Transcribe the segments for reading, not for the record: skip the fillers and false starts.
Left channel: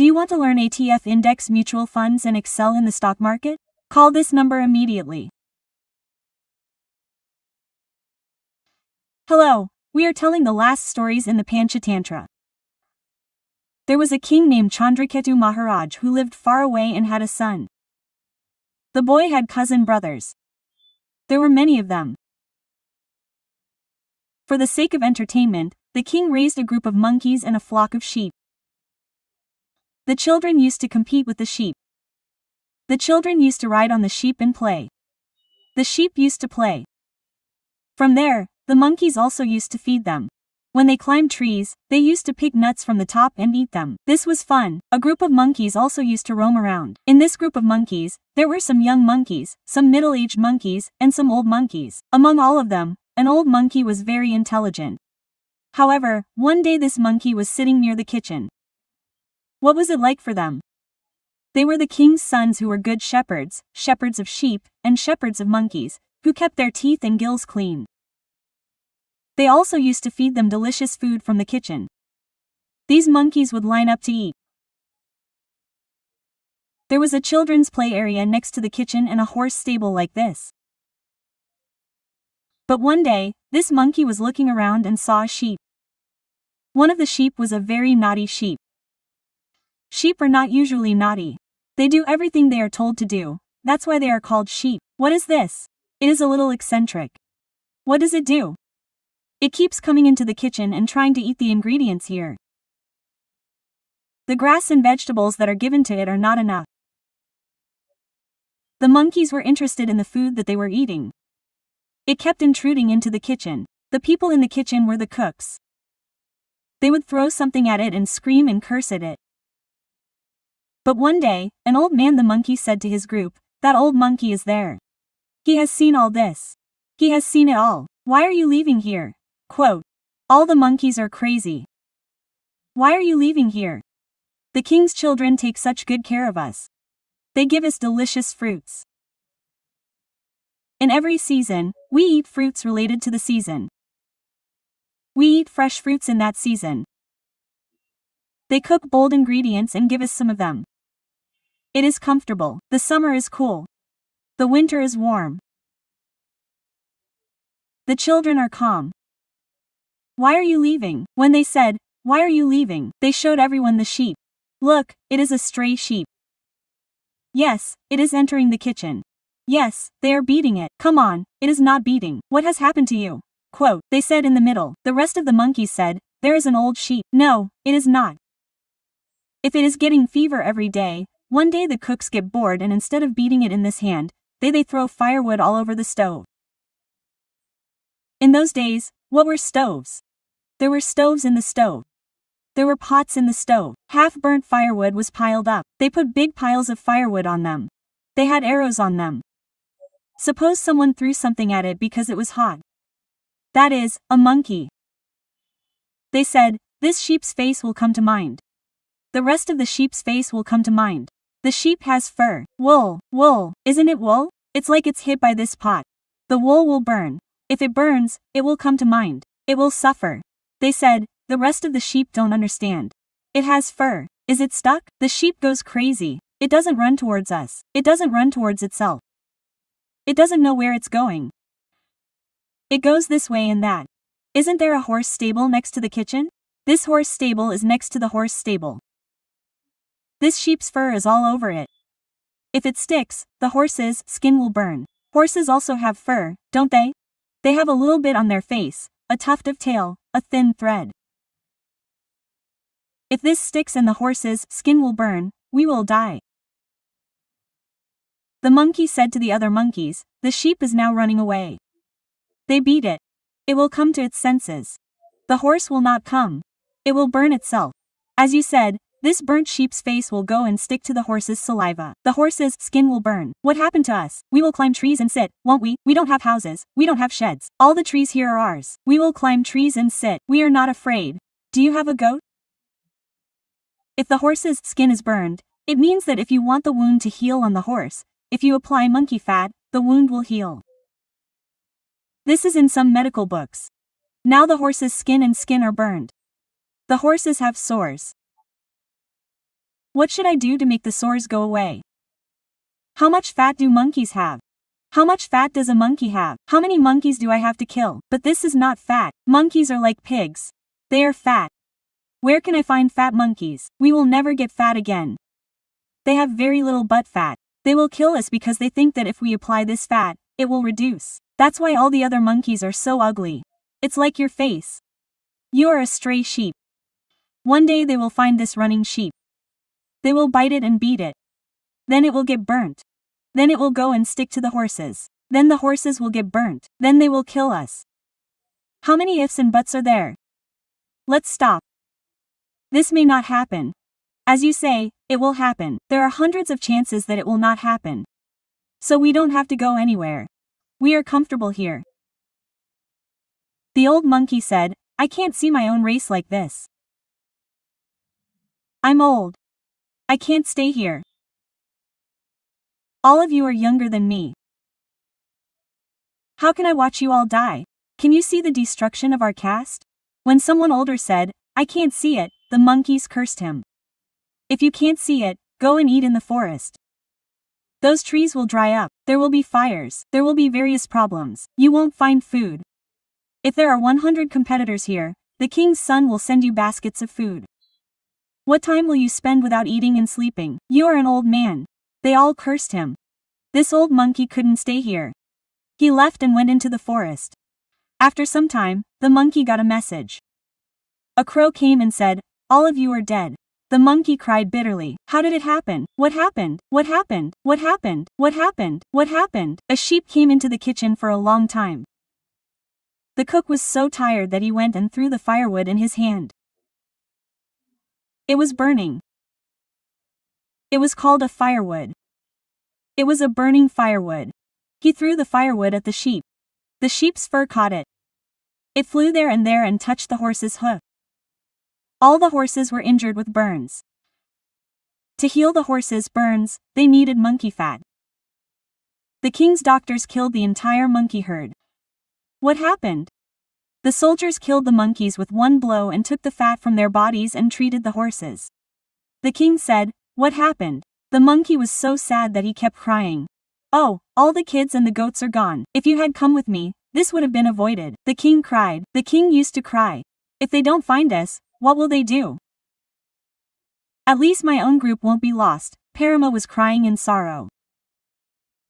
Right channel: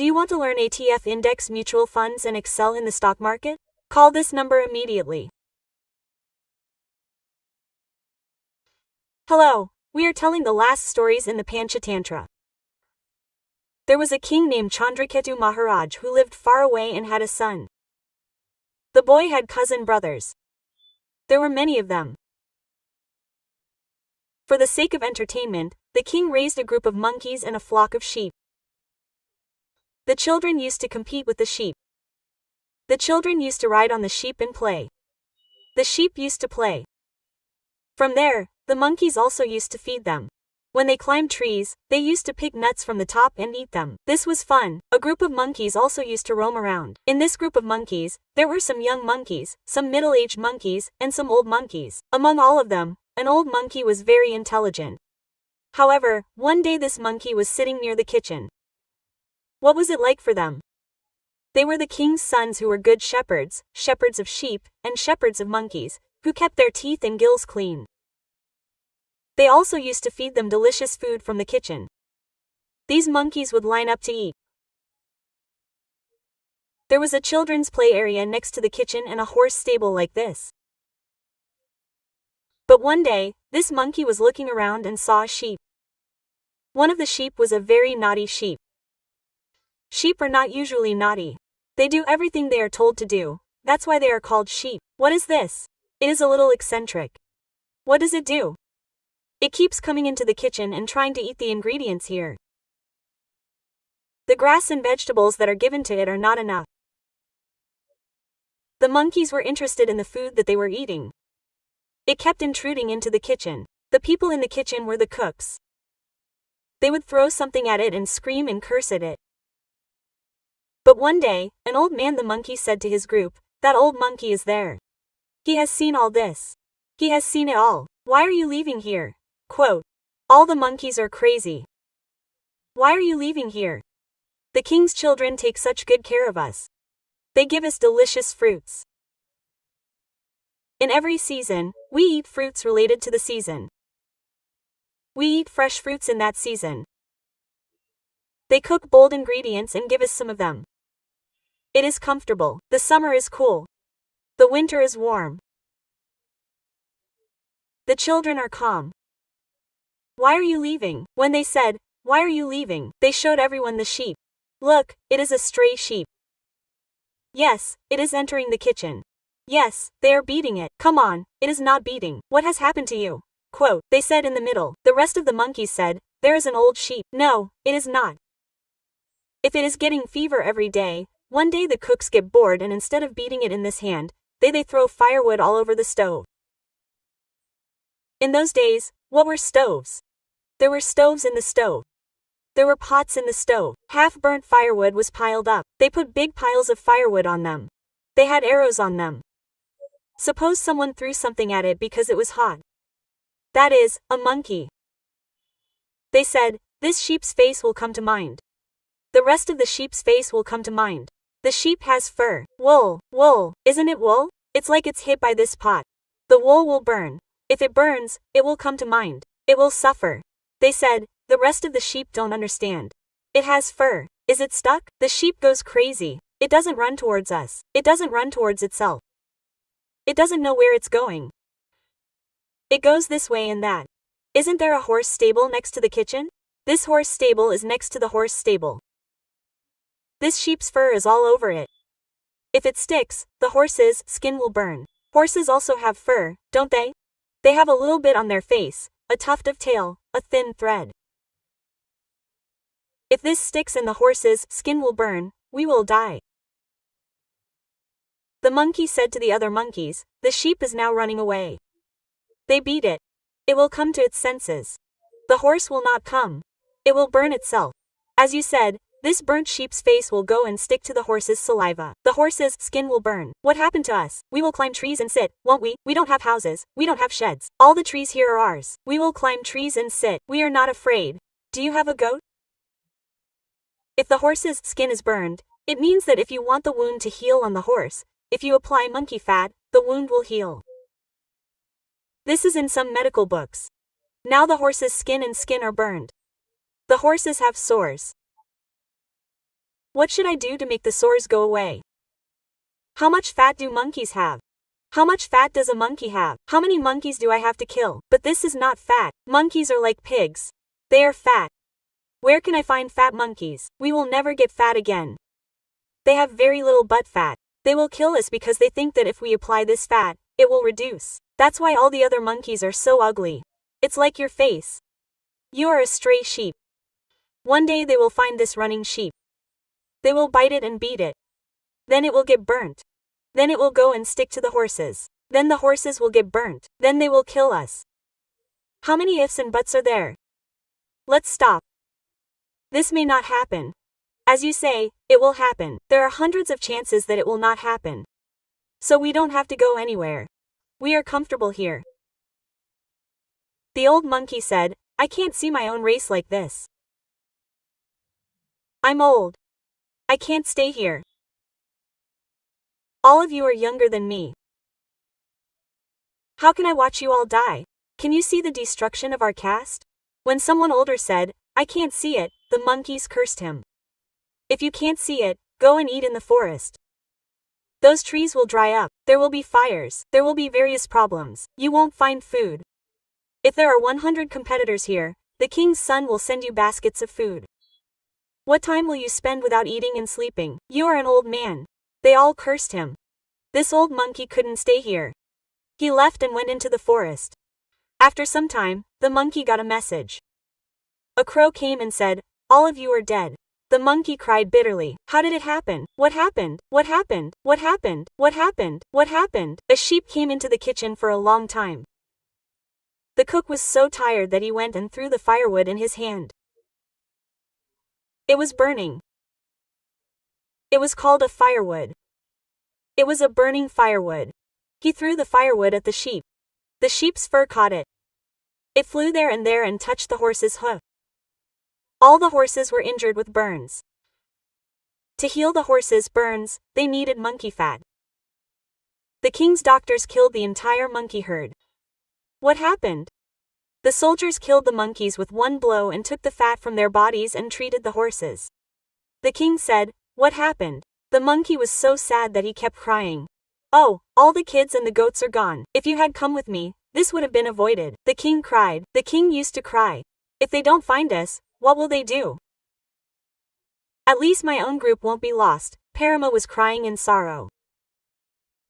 Do you want to learn ETF index mutual funds and excel in the stock market? Call this number immediately. Hello, we are telling the last stories in the Panchatantra. There was a king named Chandraketu Maharaj who lived far away and had a son. The boy had cousin brothers. There were many of them. For the sake of entertainment, the king raised a group of monkeys and a flock of sheep. The children used to compete with the sheep. The children used to ride on the sheep and play. The sheep used to play. From there, the monkeys also used to feed them. When they climbed trees, they used to pick nuts from the top and eat them. This was fun. A group of monkeys also used to roam around. In this group of monkeys, there were some young monkeys, some middle-aged monkeys, and some old monkeys. Among all of them, an old monkey was very intelligent. However, one day this monkey was sitting near the kitchen. What was it like for them? They were the king's sons who were good shepherds, shepherds of sheep, and shepherds of monkeys, who kept their teeth and gills clean. They also used to feed them delicious food from the kitchen. These monkeys would line up to eat. There was a children's play area next to the kitchen and a horse stable like this. But one day, this monkey was looking around and saw a sheep. One of the sheep was a very naughty sheep. Sheep are not usually naughty. They do everything they are told to do. That's why they are called sheep. What is this? It is a little eccentric. What does it do? It keeps coming into the kitchen and trying to eat the ingredients here. The grass and vegetables that are given to it are not enough. The monkeys were interested in the food that they were eating. It kept intruding into the kitchen. The people in the kitchen were the cooks. They would throw something at it and scream and curse at it. But one day, an old man the monkey said to his group, "That old monkey is there. He has seen all this. He has seen it all. Why are you leaving here?" Quote, "All the monkeys are crazy. Why are you leaving here? The king's children take such good care of us. They give us delicious fruits. In every season, we eat fruits related to the season. We eat fresh fruits in that season. They cook bold ingredients and give us some of them. It is comfortable. The summer is cool. The winter is warm. The children are calm. Why are you leaving?" When they said, "Why are you leaving?" they showed everyone the sheep. "Look, it is a stray sheep. Yes, it is entering the kitchen. Yes, they are beating it. Come on, it is not beating. What has happened to you?" Quote, they said in the middle. The rest of the monkeys said, "There is an old sheep." "No, it is not. If it is getting fever every day, one day the cooks get bored and instead of beating it in this hand, they throw firewood all over the stove." In those days, what were stoves? There were stoves in the stove. There were pots in the stove. Half-burnt firewood was piled up. They put big piles of firewood on them. They had arrows on them. Suppose someone threw something at it because it was hot. That is, a monkey. They said, "This sheep's face will come to mind. The rest of the sheep's face will come to mind. The sheep has fur. Wool. Wool. Isn't it wool? It's like it's hit by this pot. The wool will burn. If it burns, it will come to mind. It will suffer." They said, "The rest of the sheep don't understand. It has fur. Is it stuck?" The sheep goes crazy. It doesn't run towards us. It doesn't run towards itself. It doesn't know where it's going. It goes this way and that. Isn't there a horse stable next to the kitchen? This horse stable is next to the horse stable. This sheep's fur is all over it. If it sticks, the horse's skin will burn. Horses also have fur, don't they? They have a little bit on their face, a tuft of tail, a thin thread. If this sticks and the horse's skin will burn, we will die." The monkey said to the other monkeys, "The sheep is now running away. They beat it. It will come to its senses. The horse will not come. It will burn itself. As you said, this burnt sheep's face will go and stick to the horse's saliva. The horse's skin will burn. What happened to us? We will climb trees and sit, won't we? We don't have houses. We don't have sheds. All the trees here are ours. We will climb trees and sit. We are not afraid. Do you have a goat?" If the horse's skin is burned, it means that if you want the wound to heal on the horse, if you apply monkey fat, the wound will heal. This is in some medical books. Now the horse's skin and skin are burned. The horses have sores. What should I do to make the sores go away? How much fat do monkeys have? How much fat does a monkey have? How many monkeys do I have to kill? But this is not fat. Monkeys are like pigs. They are fat. Where can I find fat monkeys? We will never get fat again. They have very little butt fat. They will kill us because they think that if we apply this fat, it will reduce. That's why all the other monkeys are so ugly. It's like your face. You are a stray sheep. One day they will find this running sheep. They will bite it and beat it. Then it will get burnt. Then it will go and stick to the horses. Then the horses will get burnt. Then they will kill us. How many ifs and buts are there? Let's stop. This may not happen. As you say, it will happen. There are hundreds of chances that it will not happen. So we don't have to go anywhere. We are comfortable here. The old monkey said, I can't see my own race like this. I'm old. I can't stay here. All of you are younger than me. How can I watch you all die? Can you see the destruction of our caste? When someone older said, I can't see it, the monkeys cursed him. If you can't see it, go and eat in the forest. Those trees will dry up, there will be fires, there will be various problems, you won't find food. If there are 100 competitors here, the king's son will send you baskets of food. What time will you spend without eating and sleeping? You are an old man. They all cursed him. This old monkey couldn't stay here. He left and went into the forest. After some time, the monkey got a message. A crow came and said, all of you are dead. The monkey cried bitterly. How did it happen? What happened? What happened? What happened? What happened? What happened? A sheep came into the kitchen for a long time. The cook was so tired that he went and threw the firewood in his hand. It was burning. It was called a firewood. It was a burning firewood. He threw the firewood at the sheep. The sheep's fur caught it. It flew there and touched the horse's hoof. All the horses were injured with burns. To heal the horses' burns, they needed monkey fat. The king's doctors killed the entire monkey herd. What happened? The soldiers killed the monkeys with one blow and took the fat from their bodies and treated the horses. The king said, what happened? The monkey was so sad that he kept crying. Oh, all the kids and the goats are gone. If you had come with me, this would have been avoided. The king cried. The king used to cry. If they don't find us, what will they do? At least my own group won't be lost. Rama was crying in sorrow.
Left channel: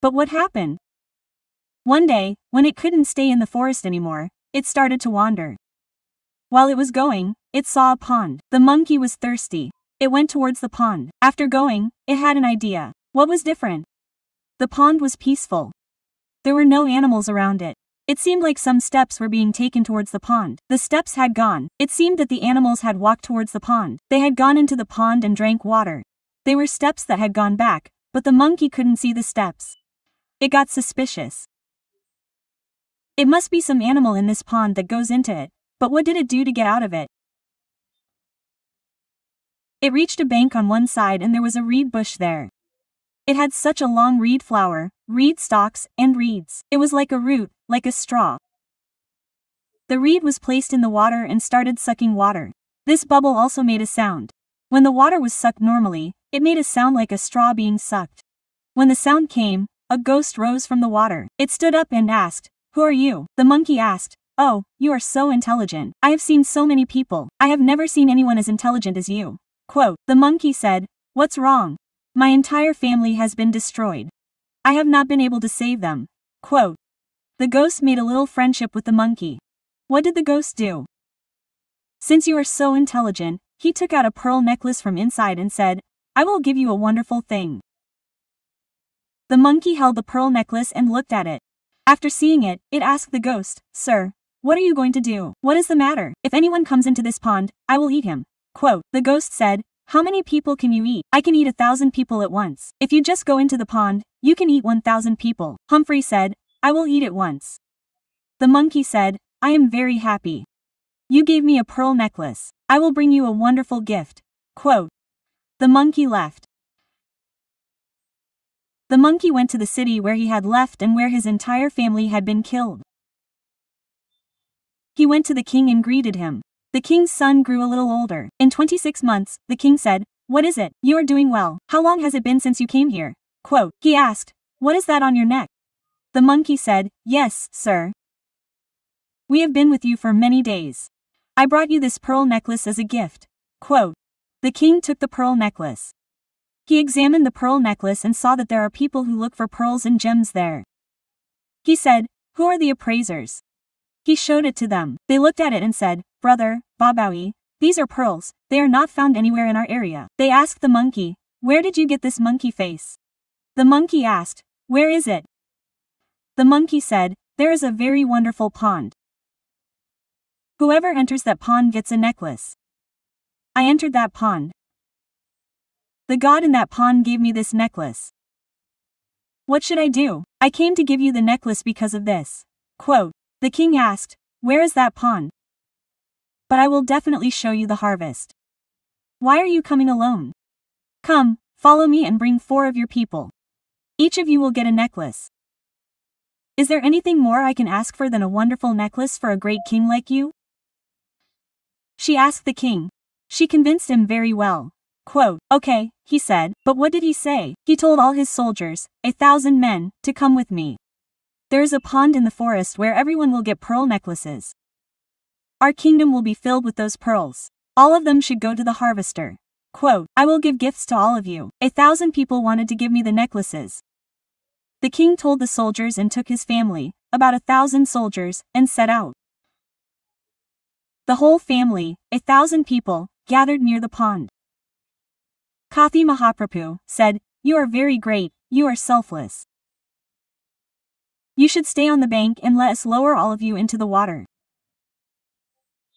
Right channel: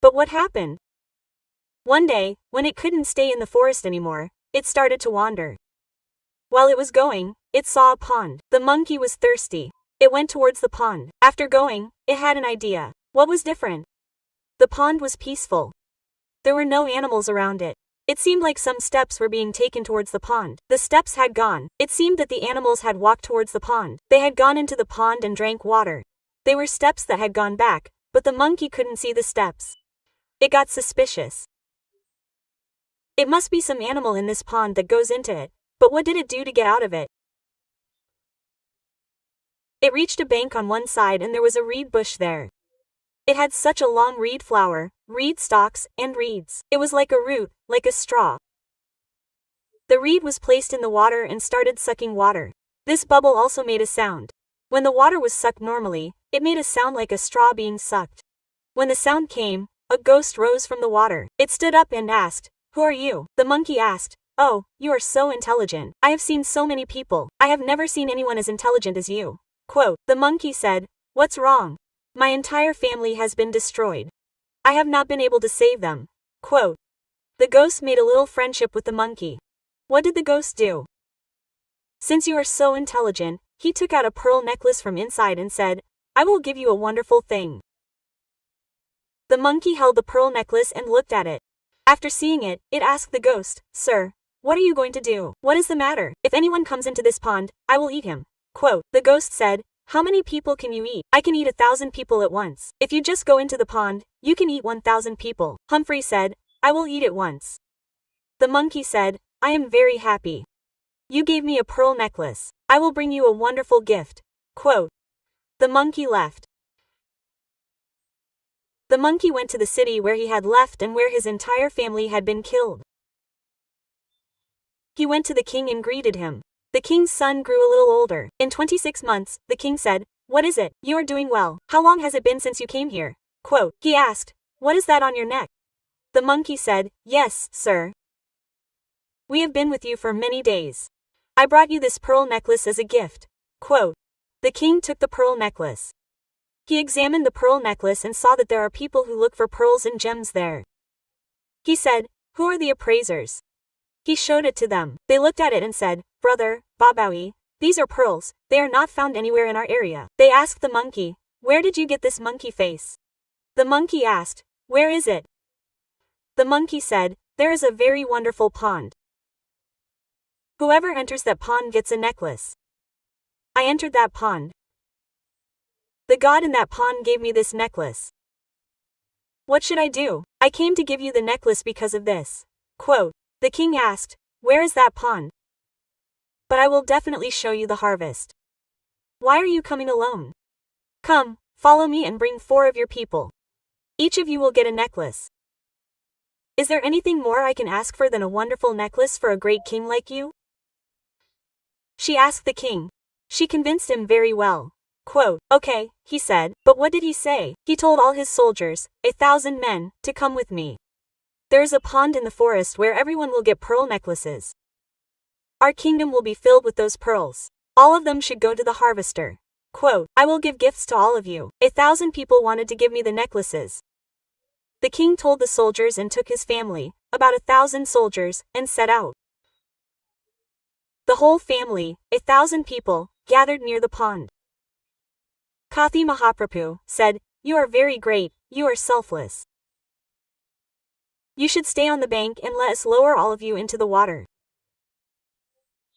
But what happened? One day, when it couldn't stay in the forest anymore, it started to wander. While it was going, it saw a pond. The monkey was thirsty. It went towards the pond. After going, it had an idea. What was different? The pond was peaceful. There were no animals around it. It seemed like some steps were being taken towards the pond. The steps had gone. It seemed that the animals had walked towards the pond. They had gone into the pond and drank water. They were steps that had gone back, but the monkey couldn't see the steps. It got suspicious. It must be some animal in this pond that goes into it, but what did it do to get out of it? It reached a bank on one side and there was a reed bush there. It had such a long reed flower, reed stalks, and reeds. It was like a root, like a straw. The reed was placed in the water and started sucking water. This bubble also made a sound. When the water was sucked normally, it made a sound like a straw being sucked. When the sound came, a ghost rose from the water. It stood up and asked, who are you? The monkey asked, oh, you are so intelligent. I have seen so many people. I have never seen anyone as intelligent as you. Quote, the monkey said, what's wrong? My entire family has been destroyed. I have not been able to save them. Quote, the ghost made a little friendship with the monkey. What did the ghost do? Since you are so intelligent, he took out a pearl necklace from inside and said, I will give you a wonderful thing. The monkey held the pearl necklace and looked at it. After seeing it, it asked the ghost, sir, what are you going to do? What is the matter? If anyone comes into this pond, I will eat him. Quote, the ghost said, how many people can you eat? I can eat 1,000 people at once. If you just go into the pond, you can eat 1,000 people. Humphrey said, I will eat it once. The monkey said, I am very happy. You gave me a pearl necklace. I will bring you a wonderful gift. Quote, the monkey left. The monkey went to the city where he had left and where his entire family had been killed. He went to the king and greeted him. The king's son grew a little older. In 26 months, the king said, What is it? You are doing well. How long has it been since you came here? Quote, he asked, what is that on your neck? The monkey said, yes, sir. We have been with you for many days. I brought you this pearl necklace as a gift. Quote, the king took the pearl necklace. He examined the pearl necklace and saw that there are people who look for pearls and gems there. He said, who are the appraisers? He showed it to them. They looked at it and said, brother, Babawi, these are pearls, they are not found anywhere in our area. They asked the monkey, where did you get this monkey face? The monkey asked, where is it? The monkey said, there is a very wonderful pond. Whoever enters that pond gets a necklace. I entered that pond. The god in that pond gave me this necklace. What should I do? I came to give you the necklace because of this. Quote, the king asked, where is that pond? But I will definitely show you the harvest. Why are you coming alone? Come, follow me and bring 4 of your people. Each of you will get a necklace. Is there anything more I can ask for than a wonderful necklace for a great king like you? She asked the king. She convinced him very well. Quote, okay, he said, but what did he say? He told all his soldiers, 1,000 men, to come with me. There is a pond in the forest where everyone will get pearl necklaces. Our kingdom will be filled with those pearls. All of them should go to the harvester. Quote, I will give gifts to all of you. 1,000 people wanted to give me the necklaces. The king told the soldiers and took his family, about 1,000 soldiers, and set out. The whole family, 1,000 people, gathered near the pond. Kathi Mahaprabhu said, you are very great, you are selfless. You should stay on the bank and let us lower all of you into the water.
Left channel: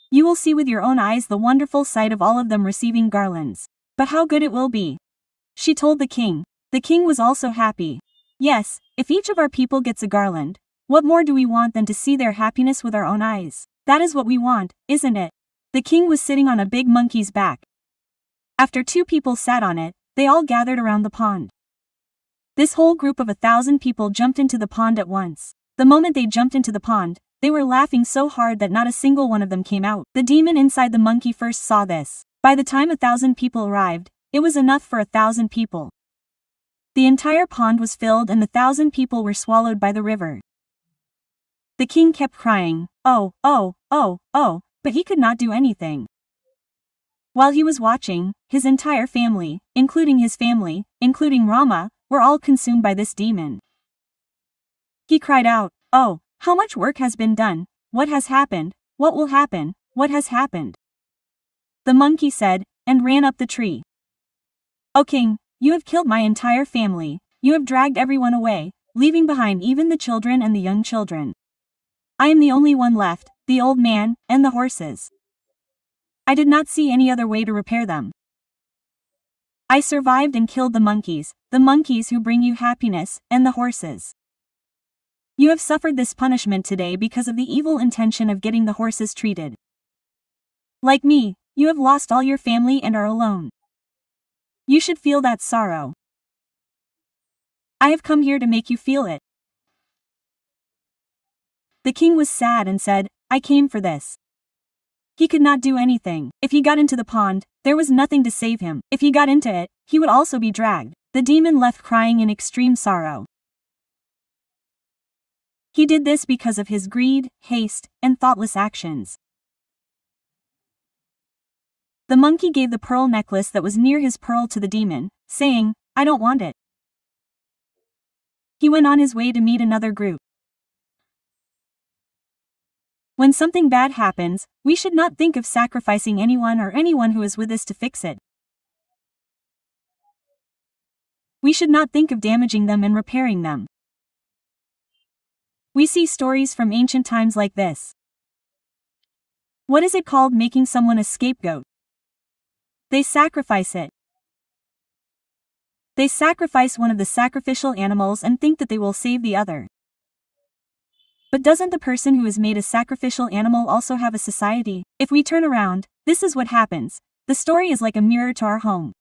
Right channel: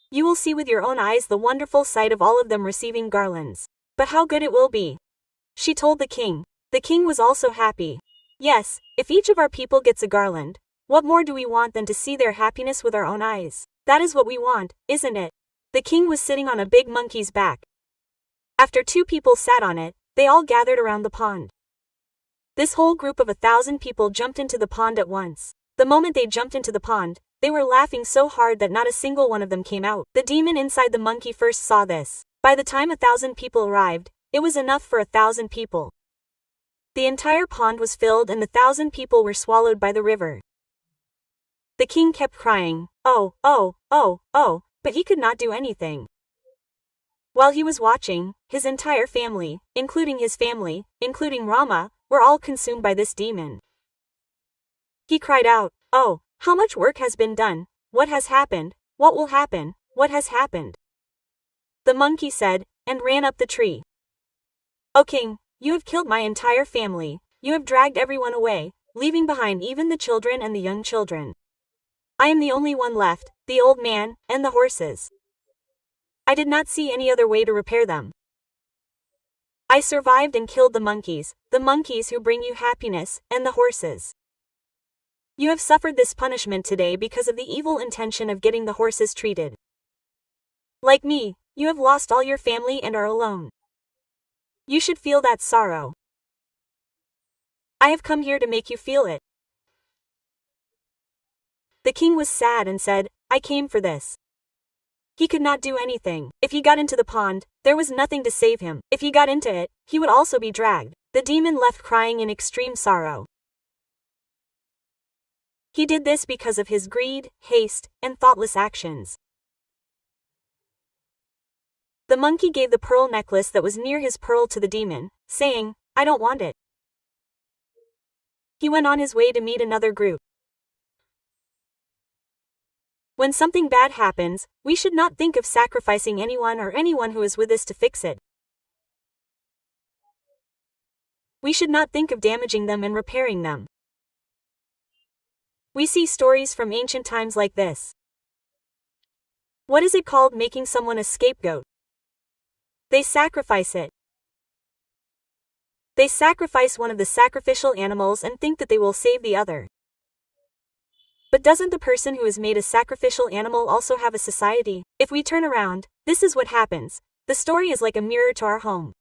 You will see with your own eyes the wonderful sight of all of them receiving garlands. But how good it will be. She told the king. The king was also happy. Yes, if each of our people gets a garland, what more do we want than to see their happiness with our own eyes? That is what we want, isn't it? The king was sitting on a big monkey's back. After 2 people sat on it, they all gathered around the pond. This whole group of 1,000 people jumped into the pond at once. The moment they jumped into the pond, they were laughing so hard that not a single one of them came out. The demon inside the monkey first saw this. By the time 1,000 people arrived, it was enough for 1,000 people. The entire pond was filled and the 1,000 people were swallowed by the river. The king kept crying, oh, oh, oh, oh, but he could not do anything. While he was watching, his entire family, including Rama, were all consumed by this demon. He cried out, oh, how much work has been done, what has happened, what will happen, what has happened? The monkey said, and ran up the tree. O king, you have killed my entire family, you have dragged everyone away, leaving behind even the children and the young children. I am the only one left, the old man, and the horses. I did not see any other way to repair them. I survived and killed the monkeys who bring you happiness, and the horses. You have suffered this punishment today because of the evil intention of getting the horses treated. Like me, you have lost all your family and are alone. You should feel that sorrow. I have come here to make you feel it. The king was sad and said, I came for this. He could not do anything. If he got into the pond, there was nothing to save him. If he got into it, he would also be dragged. The demon left crying in extreme sorrow. He did this because of his greed, haste, and thoughtless actions. The monkey gave the pearl necklace that was near his pearl to the demon, saying, I don't want it. He went on his way to meet another group. When something bad happens, we should not think of sacrificing anyone or anyone who is with us to fix it. We should not think of damaging them and repairing them. We see stories from ancient times like this. What is it called, making someone a scapegoat? They sacrifice it. They sacrifice one of the sacrificial animals and think that they will save the other. But doesn't the person who is made a sacrificial animal also have a society? If we turn around, this is what happens. The story is like a mirror to our home.